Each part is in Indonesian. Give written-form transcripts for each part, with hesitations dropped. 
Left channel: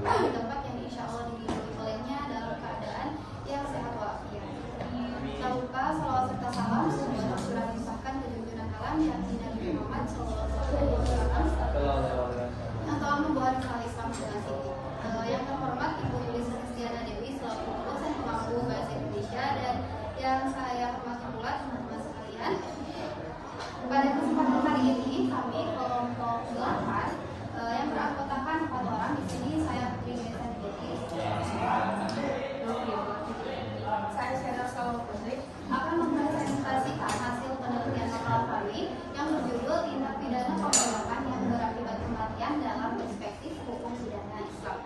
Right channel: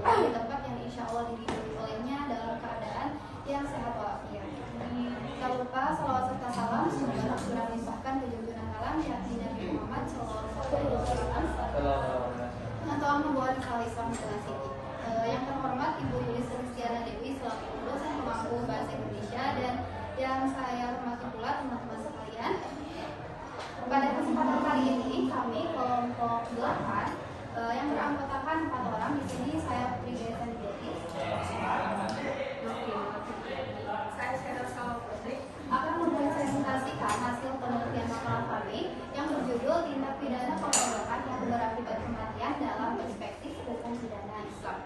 berkumpul di tempat yang insya Allah diridhoi olehnya dalam keadaan yang sehat walafiat. Tak lupa salawat serta salam semoga tercurah limpahkan ke junjungan alam yakni Nabi Muhammad SAW yang telah membawa risalah Islam dengan tinggi. Yang terhormat Ibu Yulis Kristiana Dewi selaku dosen pemangku bahasa Indonesia dan yang saya hormati pula teman-teman sekalian. Pada kesempatan kali ini kami kelompok 8 yang beranggotakan 4 orang. Di sini saya Putri Desa Nijati. Saya Syara Saloputri akan mempresentasikan hasil penelitian makalah kami yang berjudul tindak pidana pengeroyokan yang berakibat kematian dalam perspektif hukum pidana Islam.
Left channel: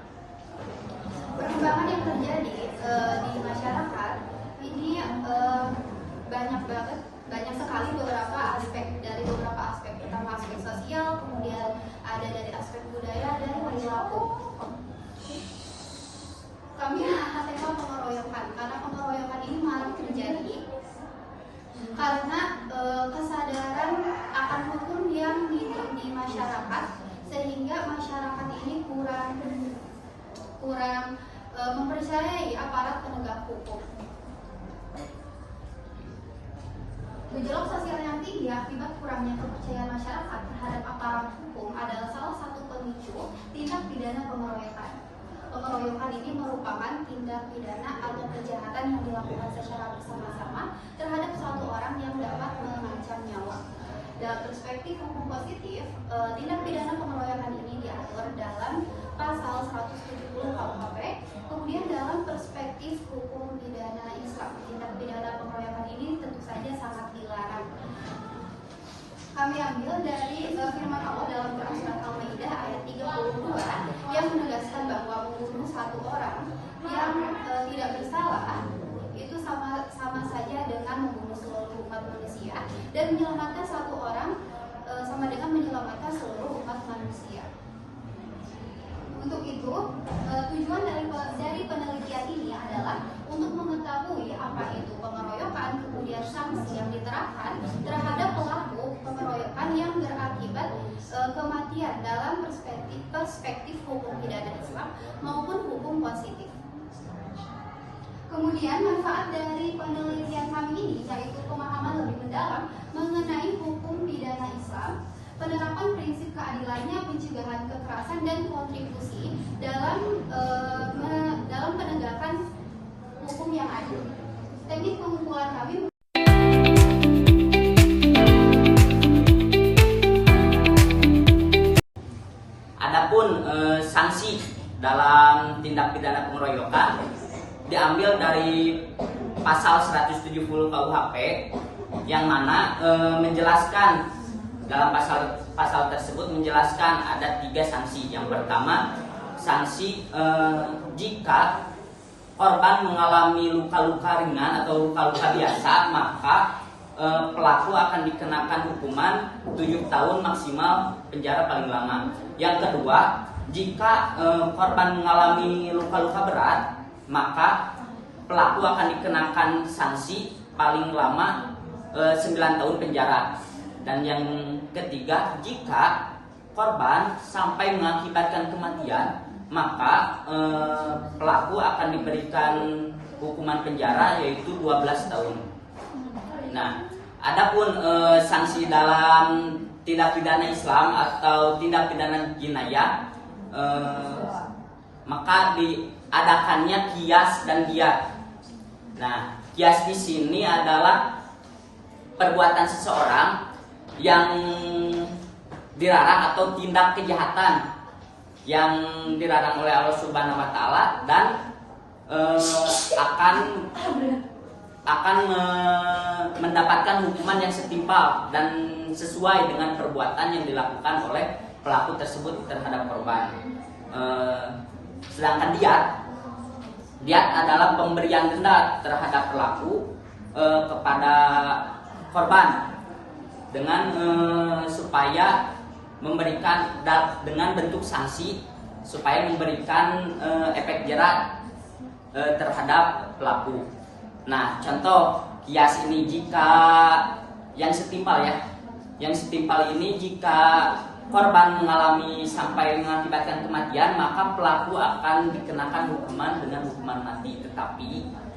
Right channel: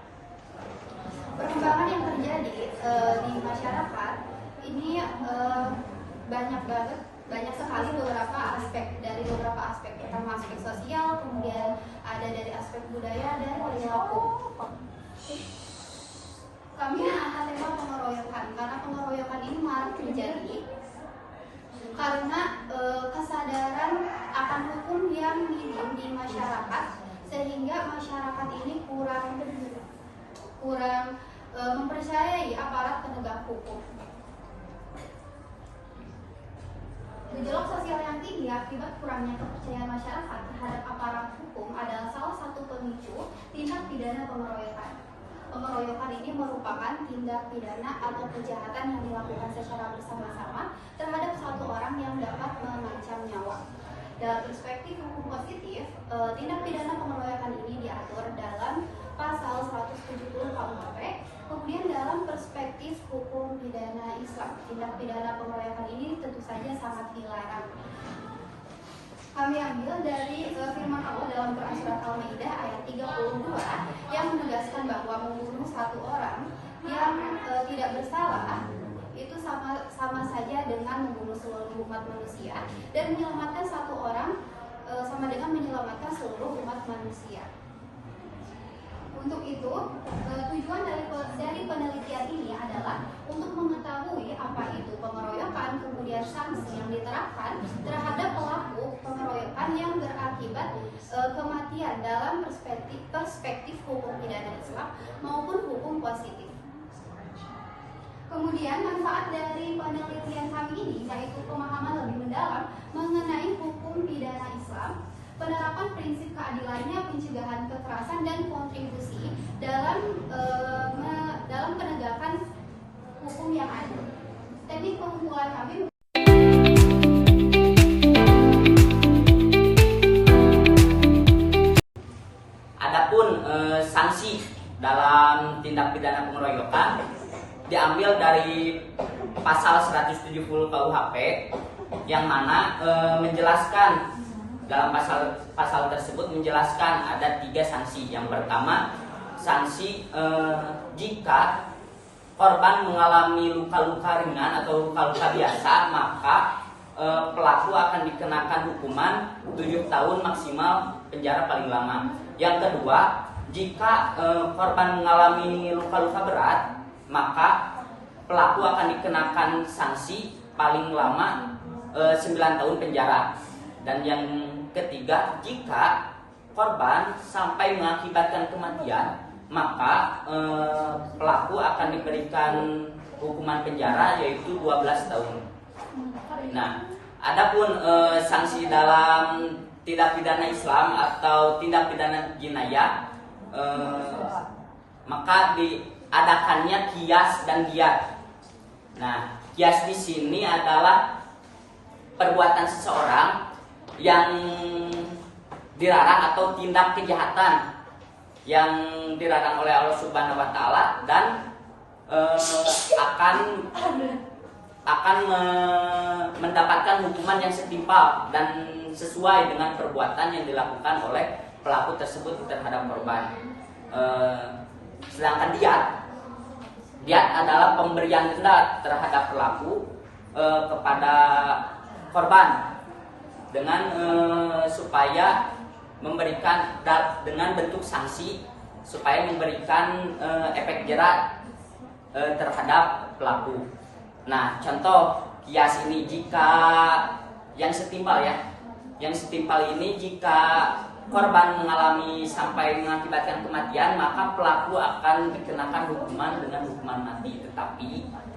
Perkembangan yang terjadi di masyarakat ini banyak sekali beberapa aspek. Pertama aspek sosial, kemudian ada dari aspek budaya dan perilaku. Kami mengangkat tema pengeroyokan karena pengeroyokan ini marak terjadi karena kesadaran akan hukum yang minim di masyarakat, sehingga masyarakat ini kurang mempercayai aparat penegak hukum. Gejolak sosial yang tinggi akibat kurangnya kepercayaan masyarakat terhadap aparat hukum adalah salah satu pemicu tindak pidana pengeroyokan. Pengeroyokan ini merupakan tindak pidana atau kejahatan yang dilakukan secara bersama-sama terhadap satu orang yang dapat mengancam nyawa. Dalam perspektif hukum positif, tindak pidana pengeroyokan ini diatur dalam pasal 170 KUHP. Kemudian dalam perspektif hukum pidana Islam, tindak pidana pengeroyokan ini tentu saja sangat dilarang. Kami ambil dari firman Allah dalam Quran Surat Al-Maidah ayat 32 yang menegaskan bahwa membunuh satu orang yang tidak bersalah itu sama saja dengan membunuh seluruh umat manusia, dan menyelamatkan satu orang sama dengan menyelamatkan seluruh umat manusia. Untuk itu, tujuan dari penelitian ini adalah untuk mengetahui apa itu pengeroyokan, kemudian sanksi yang diterapkan terhadap pelaku pengeroyokan yang berakibat kematian dalam perspektif hukum pidana Islam maupun hukum positif. Kemudian manfaat dari penelitian kami ini yaitu pemahaman lebih mendalam mengenai hukum pidana Islam, penerapan prinsip keadilannya, pencegahan kekerasan, dan kontribusi dalam penegakan hukum yang adil. Teknik pengumpulan kami. Adapun sanksi dalam tindak pidana pengeroyokan diambil dari pasal 170 KUHP yang mana menjelaskan dalam pasal tersebut menjelaskan ada 3 sanksi. Yang pertama, sanksi jika korban mengalami luka-luka ringan atau luka-luka biasa, maka pelaku akan dikenakan hukuman 7 tahun maksimal penjara paling lama. Yang kedua, jika korban mengalami luka-luka berat, maka pelaku akan dikenakan sanksi paling lama 9 tahun penjara. Dan yang ketiga, jika korban sampai mengakibatkan kematian, maka pelaku akan diberikan hukuman penjara yaitu 12 tahun. Nah, adapun sanksi dalam tindak pidana Islam atau tindak pidana jinayah, maka diadakannya qiyas dan diyat. Nah, qiyas di sini adalah perbuatan seseorang yang dilarang atau tindak kejahatan yang dilarang oleh Allah Subhanahu wa taala dan akan mendapatkan hukuman yang setimpal dan sesuai dengan perbuatan yang dilakukan oleh pelaku tersebut terhadap korban. Sedangkan diyat adalah pemberian denda terhadap pelaku kepada korban dengan supaya memberikan dengan bentuk sanksi supaya memberikan efek jerat terhadap pelaku. Nah, contoh kias ini jika yang setimpal ini jika korban mengalami sampai mengakibatkan kematian, maka pelaku akan dikenakan hukuman dengan hukuman mati. Tetapi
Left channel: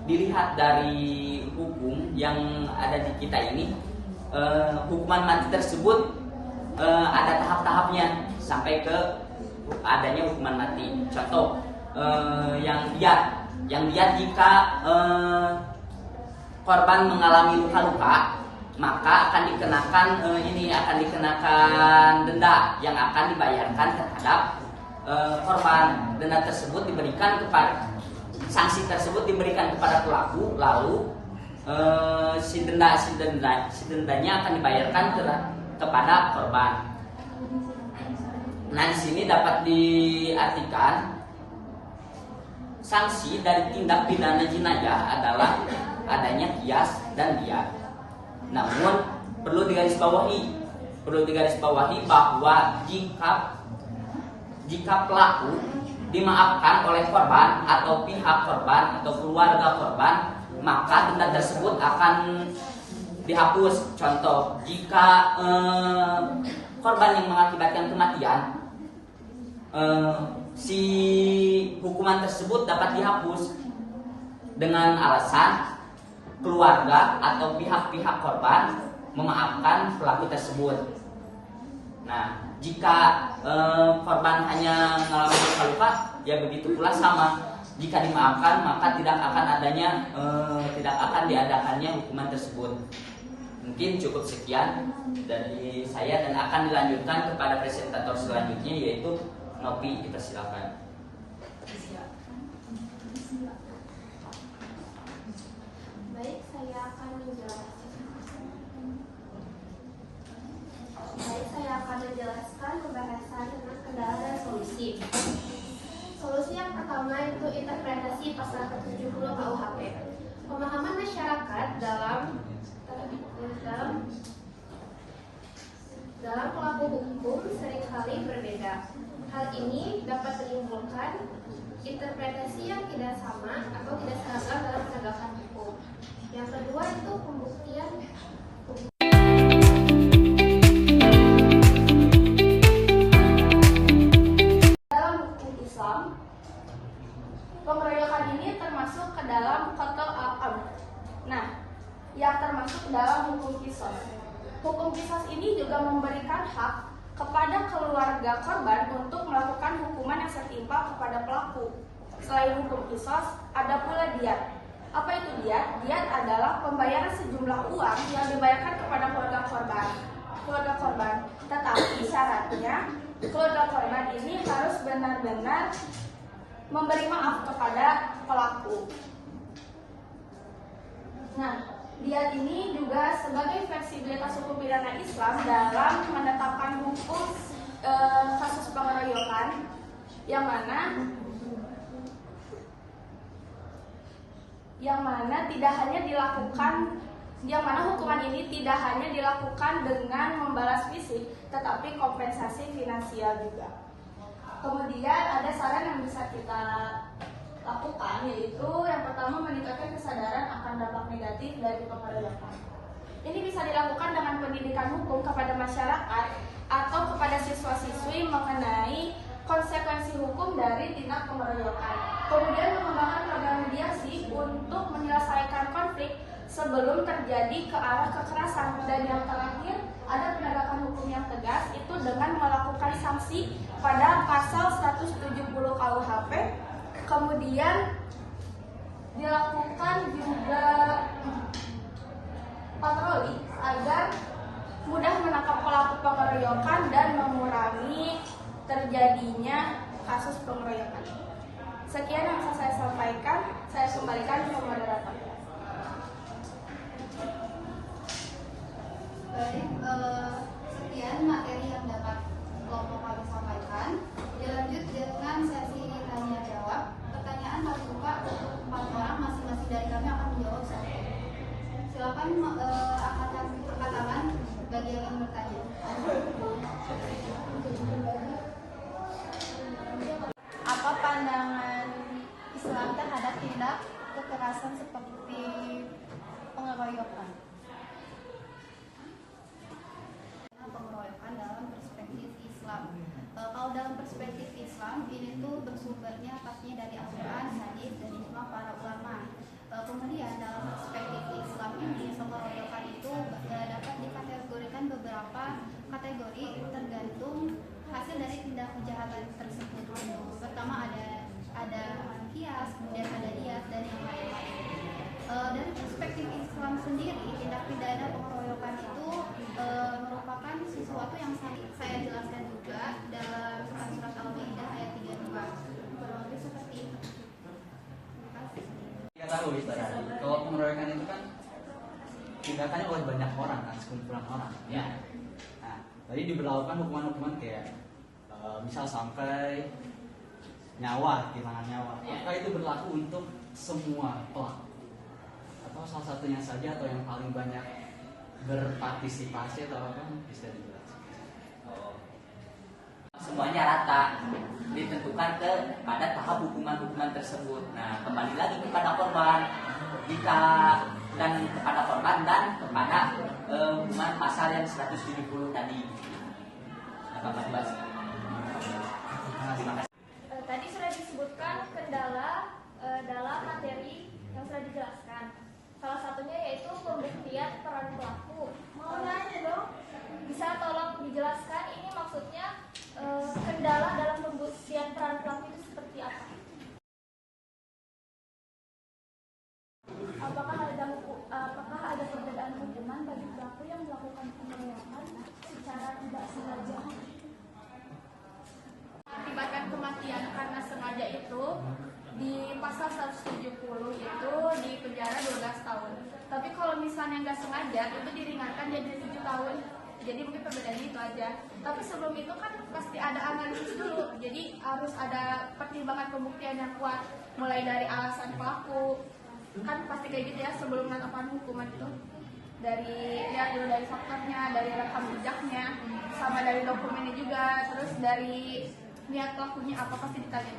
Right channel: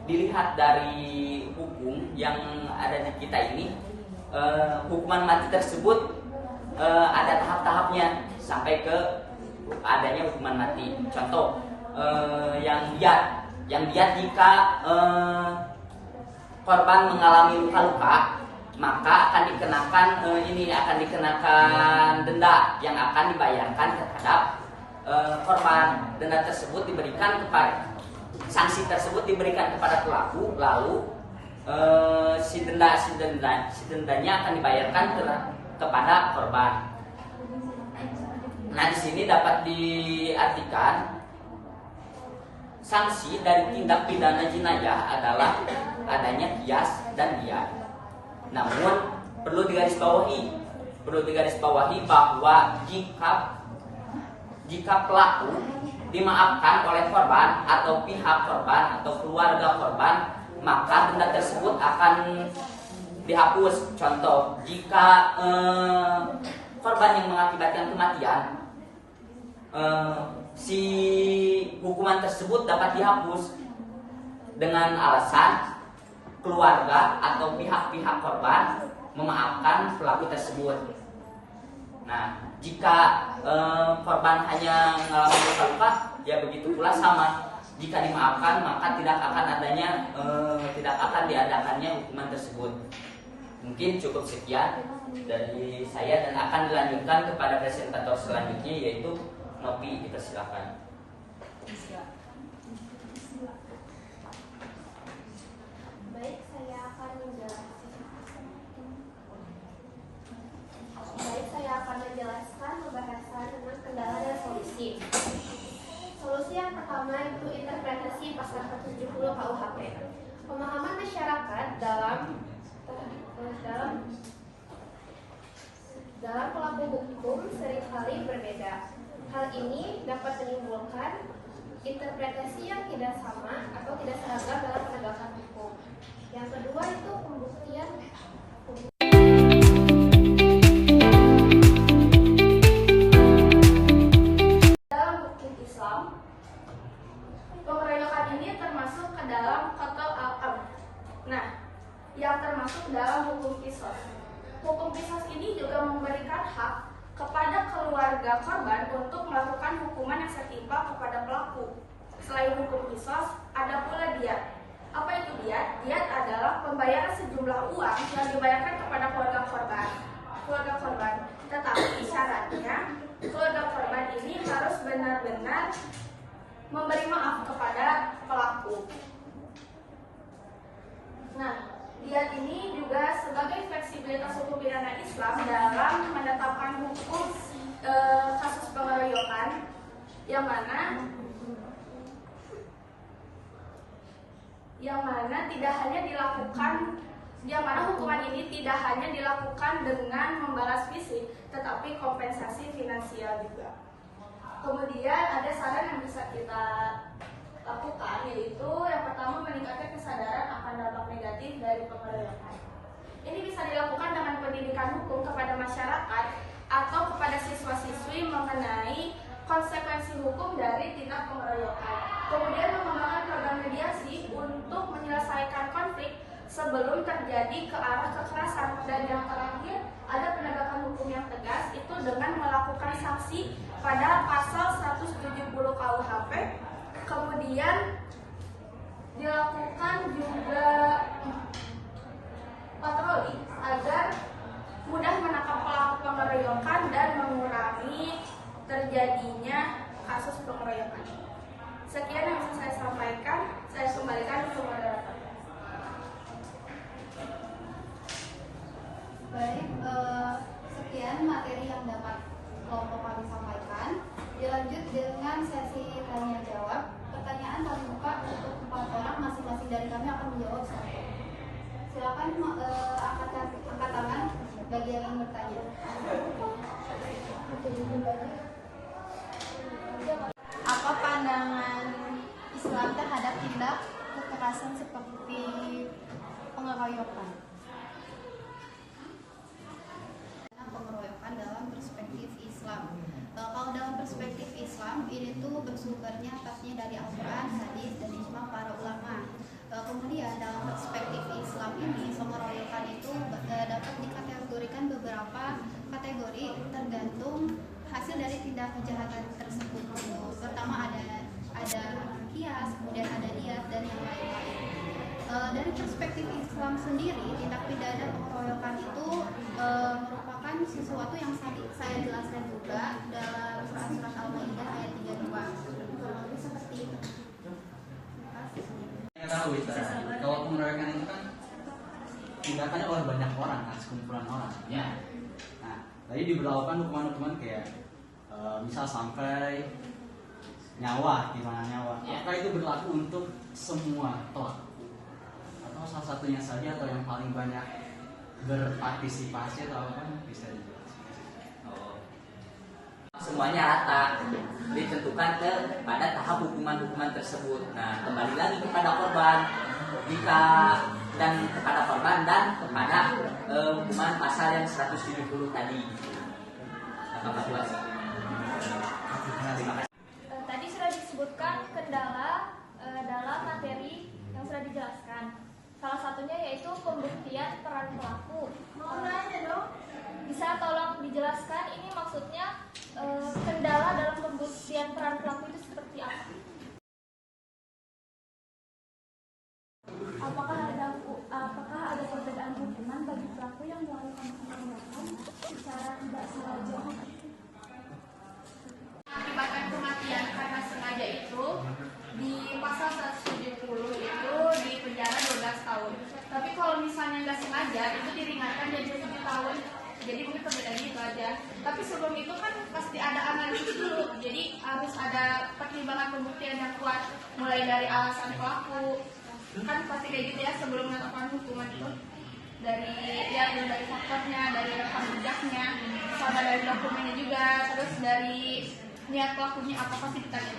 dilihat dari hukum yang ada di kita ini, hukuman mati tersebut ada tahap-tahapnya sampai ke adanya hukuman mati. Contoh, yang diat jika korban mengalami luka-luka, maka akan dikenakan denda yang akan dibayarkan terhadap korban. Denda tersebut diberikan kepada sanksi tersebut diberikan kepada pelaku, lalu si dendanya akan dibayarkan kepada korban. Nah, di sini dapat diartikan sanksi dari tindak pidana jenayah adalah adanya kias dan diat. Namun perlu digarisbawahi bahwa jika pelaku dimaafkan oleh korban atau pihak korban atau keluarga korban, maka denda tersebut akan dihapus. Contoh, jika korban yang mengakibatkan kematian, si hukuman tersebut dapat dihapus dengan alasan keluarga atau pihak-pihak korban memaafkan pelaku tersebut. Nah, jika korban hanya mengalami luka-luka, ya begitu pula sama. Jika dimaafkan, maka tidak akan diadakannya hukuman tersebut. Mungkin cukup sekian dari saya dan akan dilanjutkan kepada presentator selanjutnya, yaitu Nopi. Dipersilakan. Baik, saya akan menjelaskan pembahasan tentang kendala dan solusi. Solusi yang pertama itu interpretasi pasal 170 KUHP. Pemahaman masyarakat dalam pelaku hukum seringkali berbeda. Hal ini dapat menimbulkan interpretasi yang tidak sama atau tidak seragam dalam penegakan hukum. Yang kedua itu pembuktian. Dalam hukum Islam, pengeroyokan ini termasuk ke dalam qatl al-am. Nah, yang termasuk dalam hukum qisas. Hukum qisas ini juga memberikan hak kepada keluarga korban untuk melakukan hukuman yang setimpal kepada pelaku. Selain hukum qisas, ada pula diat. Apa itu diat? Diat adalah pembayaran sejumlah uang yang dibayarkan kepada keluarga korban. Tetapi syaratnya keluarga korban ini harus benar-benar memberi maaf kepada pelaku. Nah, diat ini juga sebagai fleksibilitas hukum pidana Islam dalam menetapkan hukum kasus pengeroyokan yang mana hukuman ini tidak hanya dilakukan dengan membalas fisik, tetapi kompensasi finansial juga. Kemudian ada saran yang bisa kita lakukan, yaitu yang pertama meningkatkan kesadaran akan dampak negatif dari pengeroyokan. Ini bisa dilakukan dengan pendidikan hukum kepada masyarakat atau kepada siswa-siswi mengenai konsekuensi hukum dari tindak pengeroyokan. Kemudian mengembangkan program mediasi untuk menyelesaikan konflik sebelum terjadi ke arah kekerasan. Dan yang terakhir, ada penegakan hukum yang tegas, itu dengan melakukan sanksi pada pasal 170 KUHP. Kemudian dilakukan juga patroli agar mudah menangkap pelaku pengeroyokan dan mengurangi terjadinya kasus pengeroyokan. Sekian yang bisa saya sampaikan, saya kembalikan ke moderator. Baik, sekian materi yang dapat kelompok kami sampaikan. Dilanjut dengan sesi tanya jawab. Pertanyaan kami buka untuk 4 orang, masing-masing dari kami akan menjawab 1. Silakan angkat tangan bagi yang ingin bertanya. Apa pandangan Islam terhadap tindak kekerasan seperti pengeroyokan? Pengeroyokan dalam perspektif Islam. Islam. Kalau dalam perspektif Islam, ini tuh bersumbernya pastinya dari Al-Quran, hadis, dan ijma para ulama. Kemudian dalam perspektif Islam ini, pengeroyokan itu dapat dikategorikan beberapa kategori tergantung hasil dari tindak kejahatan tersebut. Pertama ada kias, kemudian ada diat, dan yang lain-lain. Dari perspektif Islam sendiri, tindak pidana pengeroyokan itu merupakan sesuatu yang saya jelaskan juga dalam surat Al-Maidah ayat 32. Kurang lebih seperti itu. Terima kasih. Kita tahu kalau pengeroyokan itu kan tindakannya oleh banyak orang kan, sekumpulan orang. Ya. Nah, tadi diberlakukan hukuman-hukuman kayak misal sampai nyawa, kehilangan nyawa. Ya. Apakah itu berlaku untuk semua pelaku? Atau salah satunya saja atau yang paling banyak berpartisipasi atau apa bisa dijelaskan? Semuanya rata, ditentukan pada tahap hukuman-hukuman tersebut. Nah, kembali lagi kepada korban, kepada korban dan kepada hukuman pasal yang 170 tadi. Nah, Mas Bas. Terima kasih. Tadi sudah disebutkan kendala dalam materi yang sudah dijelaskan. Salah satunya yaitu pembuktian peran pelaku. Bisa tolong dijelaskan ini maksudnya kendala dalam pembuktian peran pelaku itu seperti apa? Apakah ada perbedaan hukuman bagi pelaku yang melakukan pengeroyokan secara tidak sengaja? Akibatkan kematian karena sengaja itu di pasal 170 itu di penjara 12 tahun. Tapi kalau misalnya nggak sengaja itu diringankan jadi 7 tahun. Jadi mungkin perbedaannya itu aja. Tapi sebelum itu kan pasti ada analisis dulu. Jadi harus ada pertimbangan pembuktian yang kuat, mulai dari alasan pelaku. Kan pasti kayak gitu ya sebelum menetapkan hukuman itu. Lihat dulu dari faktornya, dari rekam jejaknya, sama dari dokumennya juga, terus dari niat pelakunya apa pasti ditanya.